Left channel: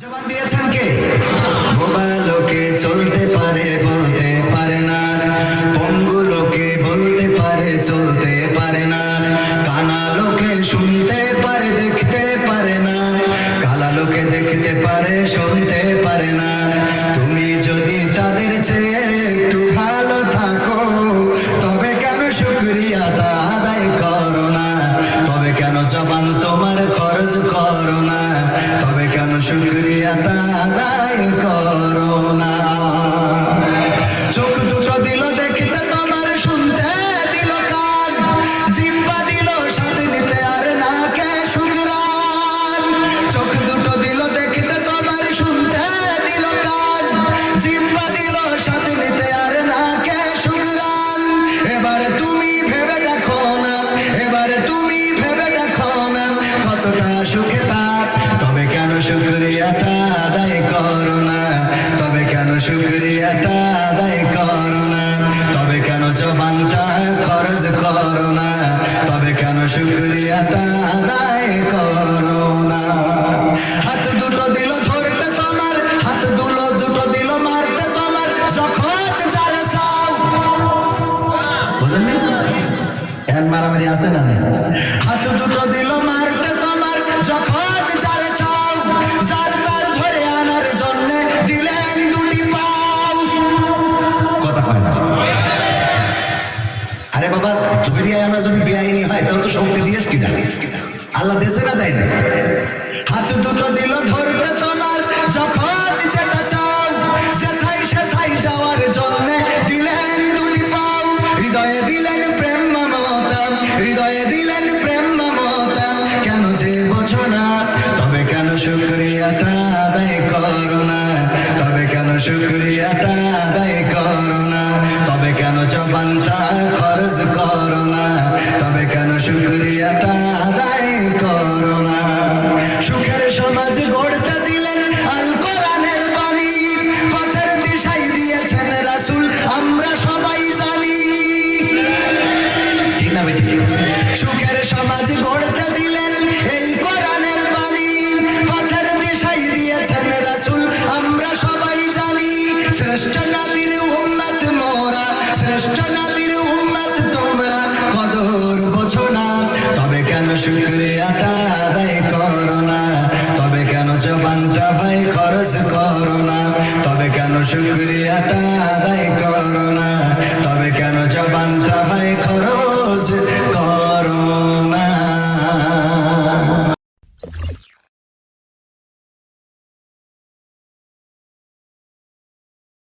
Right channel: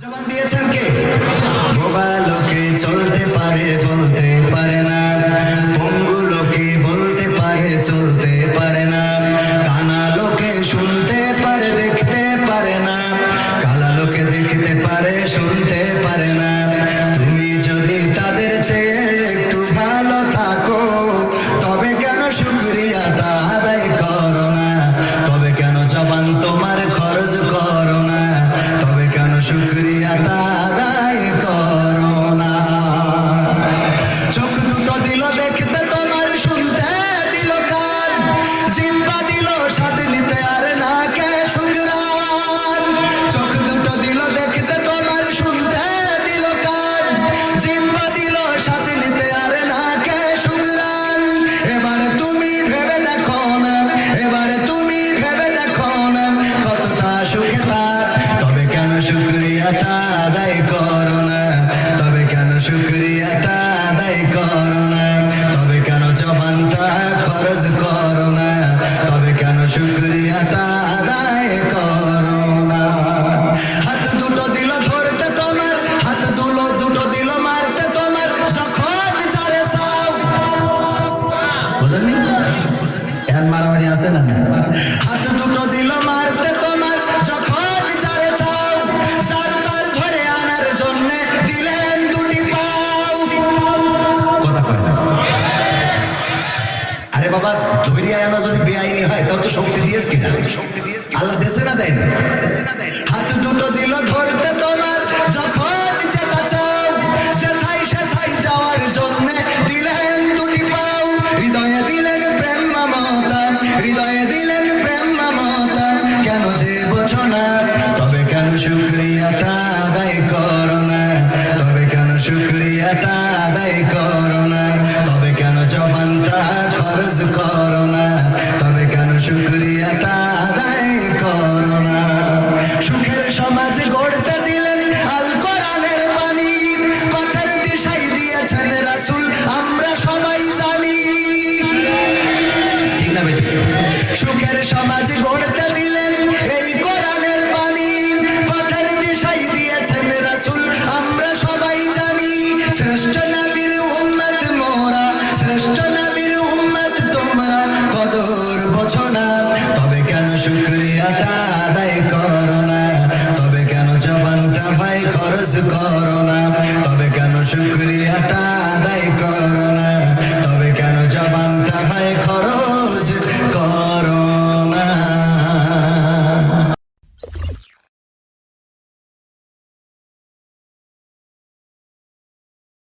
জবান তুমি যদি তাদের চেয়ে একটু ভালো থাকো, তবে কেন শুক্রিয়াটা আদায় করো না? তবে কেন জবান তোমার খরচ করো শুক্রিয়াটা আদায় করো না চোখ দুটো দিল দেখতে, তোমার শুনতে দিল কান। জিব্বা দিল স্বাদ নিতে আর না কে শুক্রান। চোখ দুটো দিল দেখতে, তোমার শুনতে দিল কান। জিব্বা দিল স্বাদ নিতে আর না কে শুক্রান। এবারে তুমি ভেবে দেখো না শুক্রিয়াটা আদায় না। তবে কেন জবানটা খরচ না? তবে কেন শুক্রিয়াটা আদায় না? হাত দুটো দিল ধরতে তোমার, হাত দুলো দুটো দিল মারতে তোমার, যখন যারে বুঝলেন মারামারি আছে না হাত দুটো দিল মারতে বাবা, ধৈর্য আনা যদি বেআইনি হয়, তাও তো শক্তি দিয়েছ কিনা? আল্লাহ দেশে না দেয় না? হাত দুটো দিল ধরতে তোমার, যখন যেটা চাও সেথাই সেথাই যাওয়ার জন্য দিলেন দুটি পাও। হৃদয়ে দিলেন প্রেম মমতা, হৃদয়ে দিলেন প্রেম মমতা। কেন যে বোঝো না, তবে কেন শুক্রিয়াটা আদায় করো না? তবে কেন শুক্রিয়াটা আদায় করো না? তবে কেন জবানটা সুখের সমাজ গড়তে দিলেন এই কোরআনের বাণী। পথের দিশাই দিয়েছেন রাসূল, আমরা সবাই জানি, শ্রেষ্ঠ নবীর উম্মত মোরা, শ্রেষ্ঠ নবীর উম্মত তোমরা, কদর বোঝো না। তবে কেন শুক্রিয়াটা আদায় করো না? তবে কেন জবানটা ভাই খরচ করো না? তবে কেন শুক্রিয়াটা আদায়